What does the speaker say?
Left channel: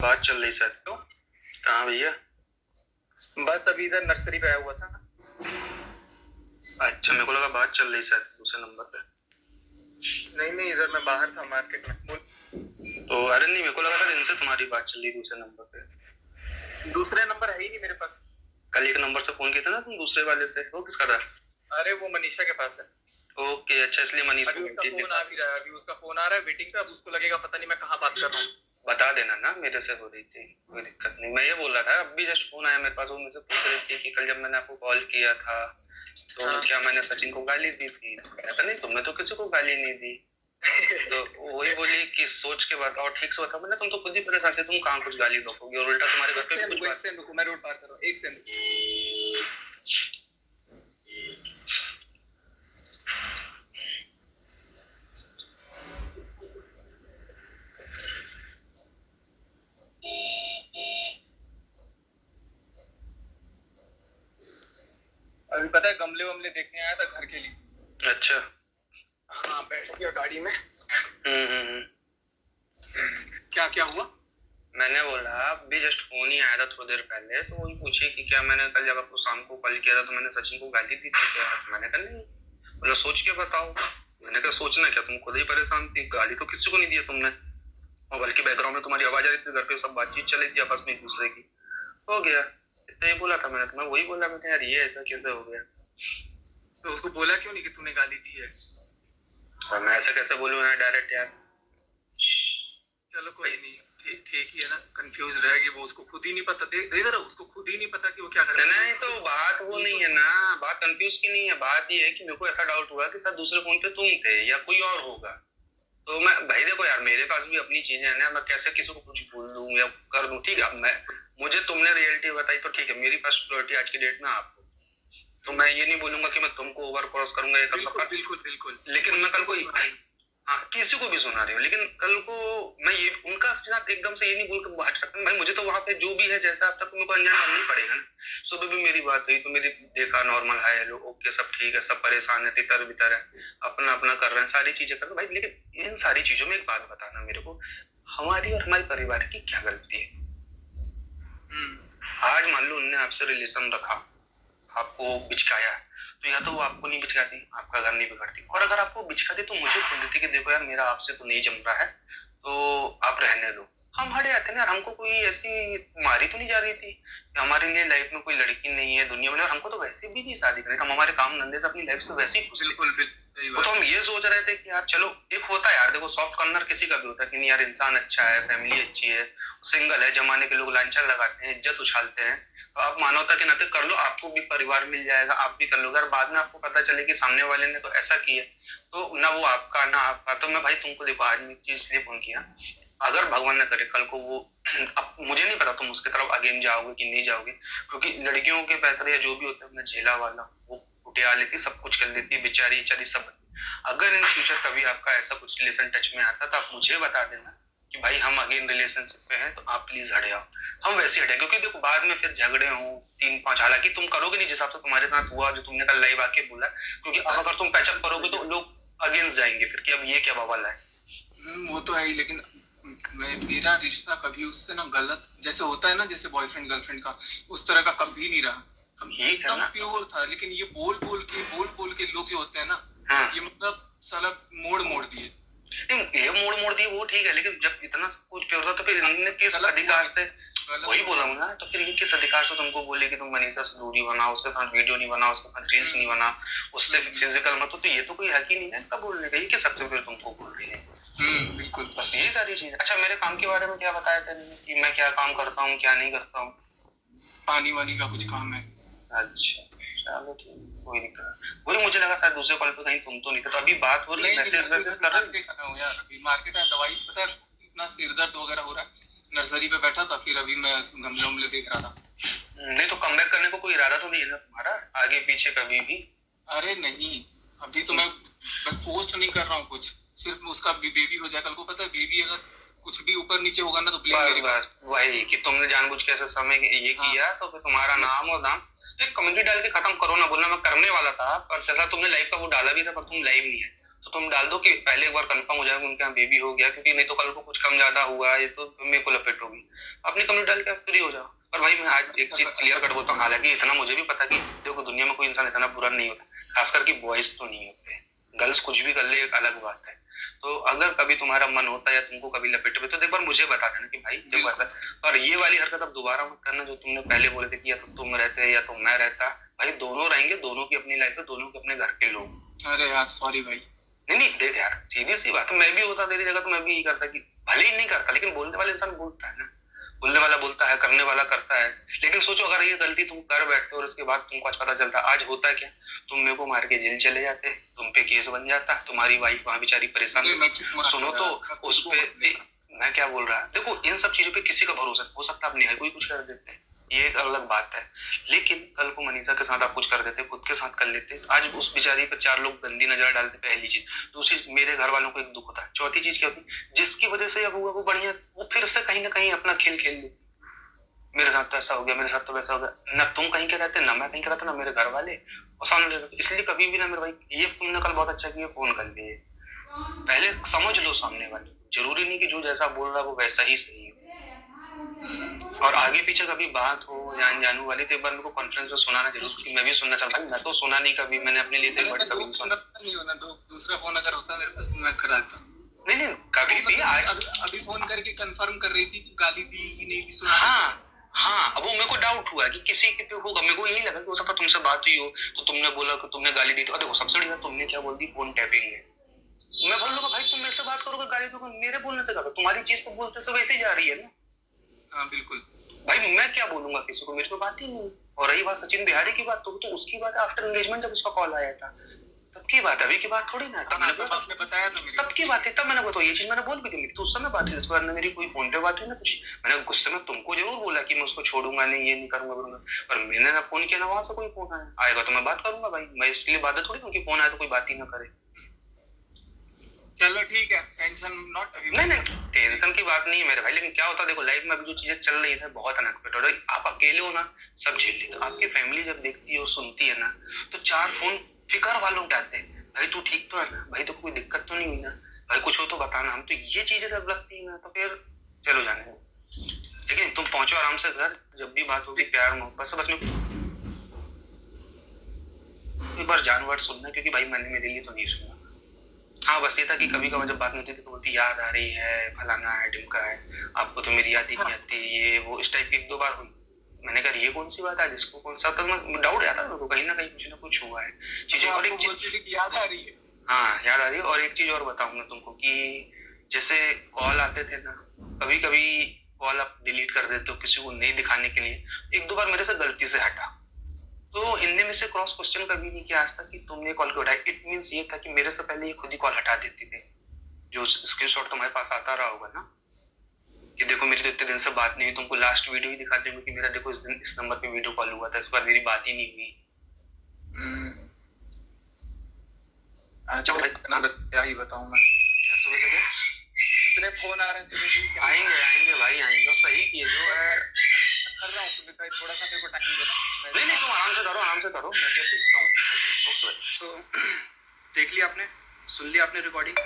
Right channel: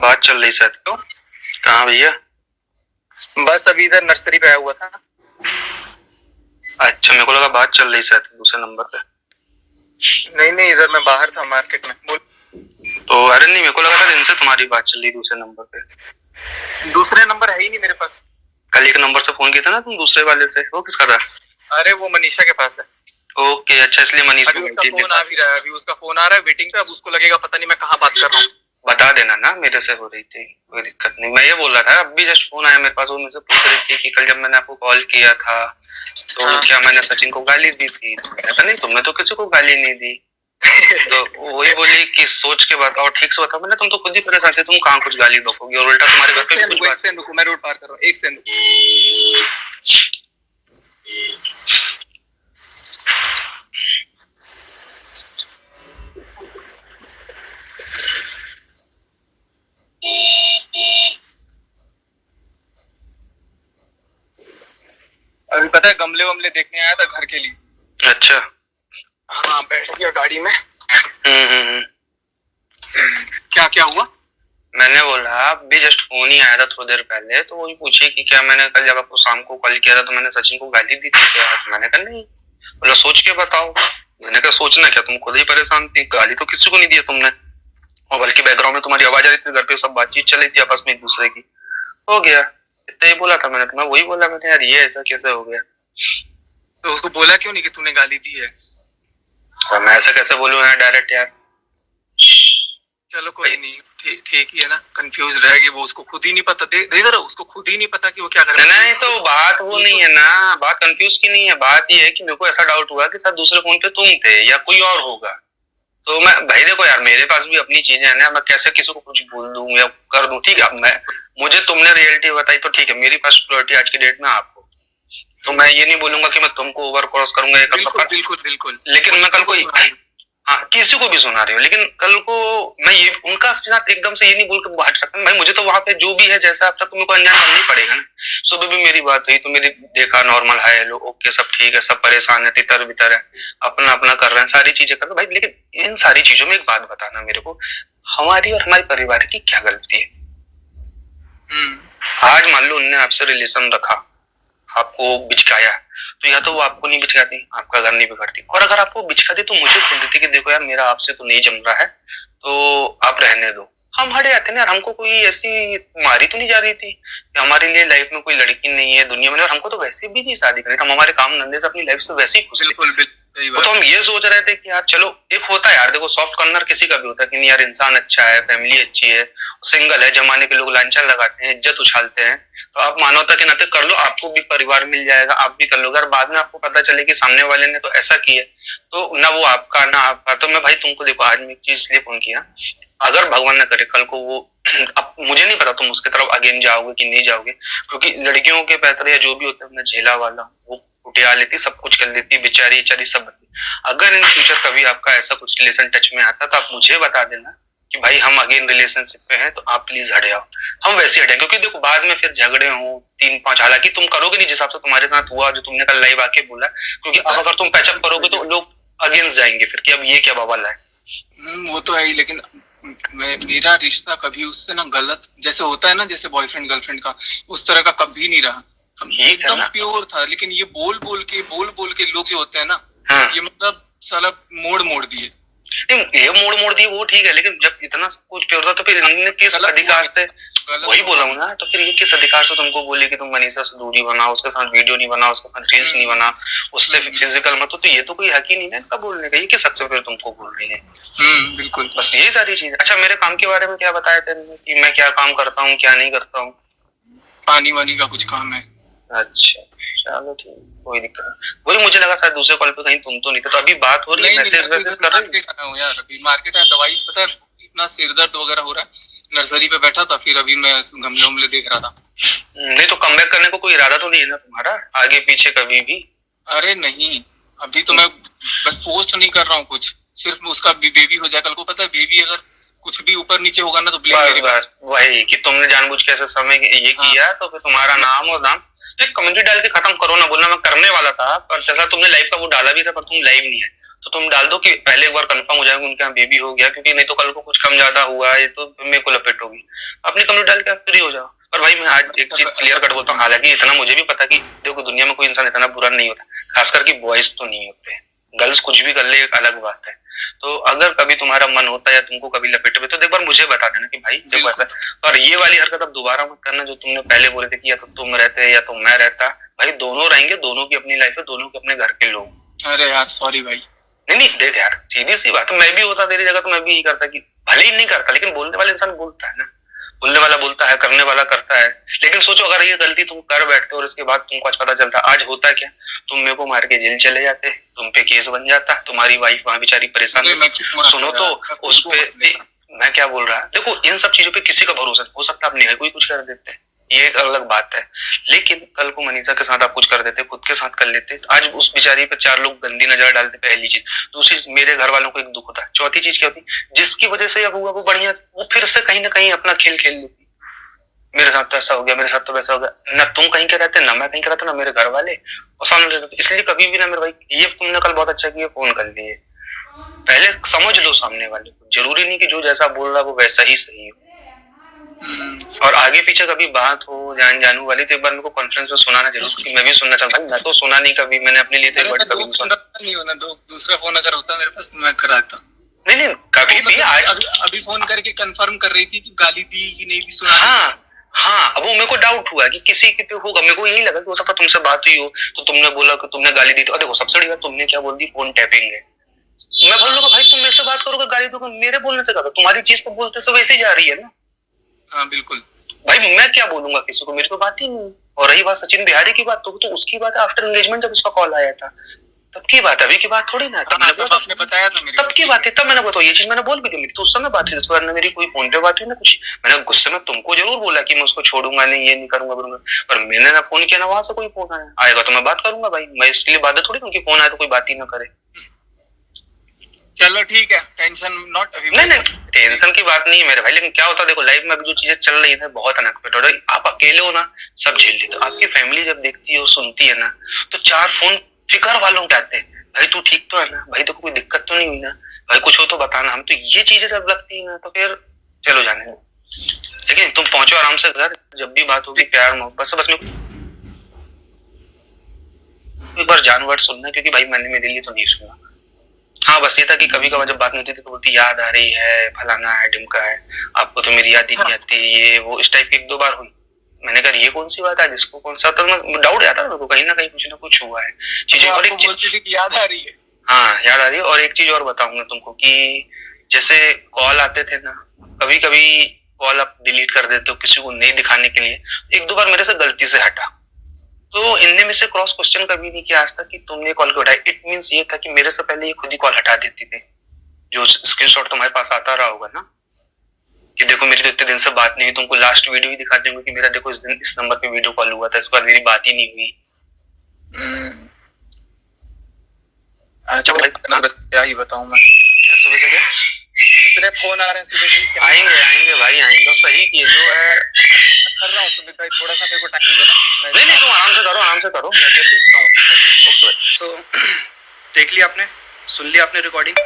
बात चल रही शायद। तो कहाँ भैया? बस अभी इधर नर्सरी पे आया हुआ था। अच्छा, मेरे को लगा बात चल रही शायद दूसरे नंबर पे। नहीं, इधर मैं बाहर था मार्केट में। बोल। तो अरे नहीं, मेरे को लगा था दिन से तुम्हारी बात चल रही दूसरे नंबर पे। दूसरे नंबर है ही नहीं मेरे पास। कल एक नंबर से फोन किया था ना तुम दूसरे वाले से, वो किसका था? अरे वो मनीषा के पास है। ओके, अच्छा, इसलिए मनीषा अभी उसका फोन आ भी रहा है, अभी उसका फोन आ रहा है वेटिंग पे। अब उसको लगेगा पता नहीं मैं कहाँ बात कर रहा हूँ। बता देना ना, मेरे से हो रही थी, कोई दिक्कत नहीं। मैं ये बोल रहा था, अभी जस्ट फोन आया मेरे पास, वो मुझसे पूछ रही थी कि कल जब मैंने आपको कॉल किया था तो क्या मैंने सचिन को गाली दी थी? ऐसा नहीं, तुमने तो किसी को गाली नहीं दी। तो वही बोली कि सोच के बताओ, ठीक से बताओ। मैंने तुम तो खुद ही परेशान थे, तुम कहाँ कुछ गाली बकोगे और उल्टा तुम्हारे घर पे कुछ बात। मैं रोड पार कर रहा हूँ, एक सेकंड। अभी पता है गमले वमले देखने आया था घर के लिए। अच्छा। हाँ, बैठ गया गाड़ी में। हम्म। क्या क्या हुआ? मैंने बोला अभी जस्ट फोन ही आया था थोड़ी देर पहले, तो वही पूछे कि क्या मैंने कल जब आपको शाम को कॉल किया था तो मैंने सचिन को गाली दी थी क्या? तो मैंने कहा नहीं। बोला सोच के बताओ। मैंने कहा सोचना क्या, तुम खुद ही परेशान थी, गाली तो किसी को नहीं दी तुमने। और बल्कि बैकग्राउंड में तुम्हारी आवाज आ रही थी, घर पे सब बातचीत चल रही थी आपस में एक दूसरे की। हो गया, इतना ही बोला था मैंने। तुम्हें वही बोला मैंने, यार ये ऐसा कैसे हो गया? तो उसको बोला क्यों नहीं कि तूने गाली दी है? और मैं ऐसा कैसे बोलूं यार डायरेक्ट यार। चलो कोई नहीं, ठीक ही है ना। कंफ्यूज रहेगी वो, उसको खुद ही नहीं पता। देख रहा, उसको खुद ही नहीं पता कि वो क्या कर रहा है। नहीं तो बात वो नहीं है ना, बात कंफ्यूज की नहीं है। बात ये है कि मेरे को ऐसा डाउट हुआ कि शायद दूसरे फोन पे तुम थे या कोई और होगा। तो मैं भाई देखो यार, मेरे पास भी अपनी चीजें हैं ना, मैं कैसे किसी को कुछ बोल दूं या कर दूं? ठीक है, अब मैं मुझे तुमने रियलिटी बताई तो ठीक है, मेरी फर्स्ट प्रायोरिटी आज की डेट में आपको। तो मैं ये नहीं बोलूंगा कि मैं तुमको ओवर क्रॉस करूंगा। बिल्कुल। लेकिन मैं कल को हाँ किसी को भी सुना रही हूँ, लेकिन कल को मैं ये उनका साथ एकदम से ये नहीं बोल के हट सकता भाई। मुझे तो वहां पे जो भी है जैसा अब तक मेरे अंजाम करना ही पड़ेगा ना। सुबह भी मेरी बात हुई तो मेरी देखा नॉर्मल है, हेलो ओके सब ठीक है, सब परेशान है, तितर बितर है, अपना अपना कर रहे हैं, सारी चीजें कर रहे हैं भाई। लेकिन इन सारी चीजों में एक बात बताना मेरे को, हमारी और हमारे परिवार की क्या गलती है? आज मान लो उनने आपसे रिलेशन रखा, आपको बिचकाया, तो या तो वो आपको नहीं बिचकाती, आपका घर नहीं बिगड़ती। और अगर आपको बिचकाती तो मुझे बोल देती कि देखो यार मेरा आपसे तो नहीं जम रहा है, तो आप रहने दो, हम हट जाते ना। हमको कोई ऐसी मारी तो नहीं जा रही थी कि हमारे लिए लाइफ में कोई लड़की नहीं है दुनिया में, और हमको तो वैसे भी नहीं शादी करनी, हम हमारे काम धंधे से अपनी लाइफ से वैसे ही खुश। बिल्कुल। तो हम ये सोच रहे थे कि यार चलो, एक होता है यार, देखो सॉफ्ट कॉर्नर किसी का भी होता है कि नहीं यार इंसान अच्छा है, फैमिली अच्छी है, सिंगल है, जमाने के लोग लांछन लगाते हैं, इज्जत उछालते हैं, तो आप मानवता के नाते कर लो, आपको भी परिवार मिल जाएगा, आप भी कर लो। अगर बाद में आपको पता चले कि सामने वाले ने तो ऐसा किया, तो ना वो आपका ना आपका। तो मैं भाई तुमको देखो, आज मैं एक चीज इसलिए फोन किया, अगर भगवान न करे कल को वो अब मुझे नहीं पता तुम उसके तरफ अगेन जाओगे कि नहीं जाओगे, क्योंकि लड़कियों के पैतरे या जो भी होता है मैं झेला वाला, वो कुटिया लेती, सब कुछ कर लेती, बेचारी बेचारी सब। अगर इन फ्यूचर कभी आपका ऐसा कुछ रिलेशन टच में आता तो आप मुझे बता देना कि भाई हम अगेन रिलेशनशिप पे हैं, तो आप प्लीज हट जाओ, हम वैसे हटे। क्योंकि देखो बाद में फिर झगड़े हो 3-5, हालांकि तुम करोगे नहीं जिस हिसाब से तुम्हारे साथ हुआ, जो तुमने कल लाइव आके बोला, क्योंकि अब अगर तुम पैचअप करोगे तो लोग अगेंस्ट जाएंगे फिर कि अब ये क्या बवाल है। वो तो है ही, लेकिन मेरा रिश्ता कभी उससे ना गलत जैसे होता है ना, जैसे बॉयफ्रेंड गर्लफ्रेंड का, उस तरह का कभी नहीं रहा। हम एकदम प्योर था। लेकिन ये बोल बोल के लोग जो होते हैं ना, ये मतलब साला मोड़ दिए। ये मोड़ दिए वो ठीक है, लेकिन जब इतना सब कुछ प्योर था तो फिर इन्होंने किस अधिकार से, वही बोला हूँ ना, तो फिर ये किस अधिकार से तुमको बोले कि तुम मनीषा से दूरी बनाओ, उसके साथ वीडियो नहीं बनाओ, उसके साथ रील्स नहीं बना, उससे फिजिकल मत हो, तो ये तो कोई हक ही नहीं है इनका बोलने का। ये किस हक से फिर तुमको बोल रही है? बिल्कुल, बस ये सारी चीज। अच्छा, मेरे काम के बारे में क्या बताया तेरे कि मैं क्या काम करता हूँ क्या नहीं करता हूँ? पानी वानी का कुछ काम है। अच्छा चलो ठीक, कोई दिक्कत नहीं। वही मुझे लगा शायद दूसरे कॉल पे कहीं तुम तो नहीं थे, तो अभी बात हो रही है, मैसेज कर रहे हो यार। अभी मार्केट है, दवाई पता है इतना सिर दर्द वगैरह हो रहा है, नर्सरी पे बैठा था, फिर अभी मैं गमले उमले देख रहा था। नहीं तो कमबैक करने को कोई इरादा तो नहीं है ना तुम्हारा आगे पीछे कभी भी? अरे नहीं, अभी तो मैं बस पोस्ट नहीं कर रहा हूँ कुछ, सिर्फ उसका बेबी हो जाए। कल को पता है बेबी अगर कुछ भी ऊपर नीचे होगा ना तो बस वही कि तुमने जानबूझ के ऐसे समय ये किया, तो फिर तुम्हारा नाम और नाम तो कमेंट्री डाल के खत्म करो ना, बोलना मैं करने वाला था, पर जैसा तुमने लाइव का वो डाला भी था पर तुम लाइव नहीं है, तो तुम डाल दो कि पहले एक बार कंफर्म हो जाएगा उनके यहाँ बेबी हो गया, क्योंकि नहीं तो कल को कुछ कम ज्यादा हुआ है तो मेरे को लपेट होगी। अपनी कंप्लीट डाल के फ्री हो जाओ। और भाई मैं आज एक चीज क्लियर कट बोलता हूँ, हालांकि इतना मुझे भी पता कि देखो दुनिया में कोई इंसान इतना बुरा नहीं होता, खासकर कि बॉयज तो नहीं होते, गर्ल्स कुछ भी कर ले एक अलग बात है। तो अगर कभी तुम्हारा मन होता है या तुमको कभी लपेटे तो एक बार मुझे बता देना कि भाई देखो ऐसा। और ये वाली हरकत अब दोबारा मत करना जो तुमने पहले बोले थे कि या तो तुम रहते या तो मैं रहता। भाई दोनों रहेंगे, दोनों की अपनी लाइफ है, दोनों के अपने घर के लोग। अरे यार सॉरी भाई। नहीं देख यार, सीधी सी बात है, मैं भी होता तेरी जगह तो मैं भी यही करता कि भले ही नहीं करता, लेकिन बोलने वाला इंसान बोलता है ना, बोलने वाला बोलता है, करने वाला करता है। लेकिन सोचो अगर ये गलती तुम कर बैठते और इसके बाद तुमको आज पता चलता, आज होता क्या, तुम मेरे को मार के जेल चले जाते, तुम पे केस बन जाता, तुम्हारी वाइफ वहां बेचारी परेशान। सुनो तो उस पे मैं क्या बोल रहा है, देखो इन सब चीजों पे किसी का भरोसा हो सकता है, अपनी है कोई कुछ कर देते हैं, ये एक अलग बात है। लेकिन कल को मनीषा के साथ आप कुछ कर देते, खुद के साथ कर लेते, तो आज उस बेचारी पे 4 लोग गंदी नजर डालते, पहली चीज। दूसरी, मेरे घर वालों को एक दुख होता है। चौथी चीज क्या होती, जिसकी वजह से अब हुआ वो बढ़िया, वो फिर से कहीं ना कहीं अपना खेल खेल लेती, मेरे साथ तो ऐसा हो गया, मेरे साथ तो वैसा हो गया। ना तुम कहीं के रहते, ना मैं कहीं का रहता, ना मेरे घर वाले, और सामने रहते। इसलिए कभी भी ना मेरे भाई, ये तुमने कल बहुत अच्छा किया फोन कर लिए, पहले समझ लो सामने वाले को, जरूरी नहीं कि जो जैसा बोल रहा है वो वैसा ही सही हो। और आगे पीछे कभी बात हो जानू वाली तो एक बार मेरे को कॉन्फ्रेंस में सुनाना जरूर, क्योंकि मैं भी सुनना चाहता हूँ। मैं तो सुना नहीं कभी, मैंने अपने लिए तो कभी नहीं सुना। नहीं होना, दूसरा फोन अगर होता मेरे पास तो मैं कराता। नहीं कभी भी। आज अभी फोन करके कंफर्म कर रही थी कि गाली दी कि नहीं दी, सुना। हाँ, अब वो मेरे को डाउट हुआ कि किसी के पे होगा, मेरे को यही लगा कि हो सकता तुमसे बात हुई हो तो तुमने बोला कि तुमने गाली दी। तो देखो सबसे बड़ी बात तुमने क्या बोल दी, फोन टैपिंग है। मैं बोल लूंगा भाई तुम मेरे से बात करोगे गाली दोगे, मेरे बोलने से कहा, तुम्हारी चीज तो बोलते से वैसे ही जा रही है ना। हाँ बिल्कुल भाई मैं क्या बोलूंगा किसी को, मेरी तो बात ही नहीं। और रही बात सचिन बिहारी की बात, तो उसकी बात आफ्टर एंगेजमेंट जब उसका कॉल आया था तब की बात, अभी की बात थोड़ी ना। तब आपने बताया था मेरे को, तब की बात है, तब मैंने बताया ये चीज मैंने बोल भी दी, तो उस समय बात थी, इसके बाद मेरी कोई फोन पे बात हुई ना कुछ। मैंने गुस्से में तुमको जरूर बोला कि मैं उसको छोड़ूंगा नहीं, ये नहीं करूंगा करूंगा, पर मैंने ना फोन किया ना वहां से कोई फोन आएगा तो मैं बात करूंगा भाई, मैं इसके लिए बात थोड़ी उनकी फोन आए तो कोई बात ही ना करे। चलो ठीक है, टेंशन नॉट अभी। नहीं टेंशन की बात नहीं है मेरे भाई, लेकिन क्या होता है देखो लाइफ में अभी जो चीजें चल रही है बहुत अनएक्सपेक्टेड हो रही है। आप अकेले हो ना, सब झेल लेते हो, आपकी फैमिली जब देखती है सुनती है ना, तो 4 फोन फिकर वालों के आते हैं, भाई तू ठीक तो है ना, भाई तो कोई दिक्कत तो नहीं हुई ना, भाई कुछ हो तो बताना। हम तो ये चीजें जब लगती है ना तो फिर चलो जाने दो, लेकिन तुम पहुंचो आराम से घर, जब भी बात होगी प्यार मोहब्बत से। बस एक बार जानवर सुनना, क्योंकि भाई मैंने मेरे लिए तो नहीं सुना। हाँ बस ये था कि कभी कभार जब बात नहीं होती तो बोलती याद आ रही है, फलाना है ढिमका है, आपको तो मेरी याद ही नहीं आती, ये वो इस टाइप की 1-2 बार हुई। मैंने कहा ये कौन सी बात है, जिसको कौन सा, तो डाउट आता है कहीं ना कहीं कुछ ना कुछ हुआ है चीजें। और एक चीज याद आ रही है, हाँ याद आ रही है। और एक चीज और बताऊंगा तुमको कि जैसे कॉल आते थे ना, कभी कभी कॉल आप डिलीट कर देते हो किसी को नहीं दिखाने के लिए, 1-2 बार मेरे से गलती से हटा, तो इनने में से क्रॉस क्वेश्चन कभी नहीं किया आज तक कि तुमने कॉल क्यों उठाया। इट मींस ये था कि मेरे से पहले ये खुद ही कॉल हटा देती थी। जो स्क्रीनशॉट तुम्हारे पास आता रहा होगा ना कि देखो मेरी तो इतने दिन से बात नहीं हुई, तुमको लास्ट वीडियो ही दिखा देंगे कि मेरा देखो इस दिन इस नंबर पे वीडियो कॉल हुआ था, इसके बाद मेरी बात ही नहीं हुई। अच्छा बस क्या ही बताऊं मैं, क्या सुबह से क्या इतने फोन आ रहे हैं सुबह से। आएंगे भाई आएंगे, सही किए जो है कर रहा हूँ सुबह, थोड़ा सा मेरे को टाइम देना। नहीं तुम आराम से करो मैं देखता हूँ। ओके सो देख लिया आपने, सुन लिया आपने रिकॉर्डिंग।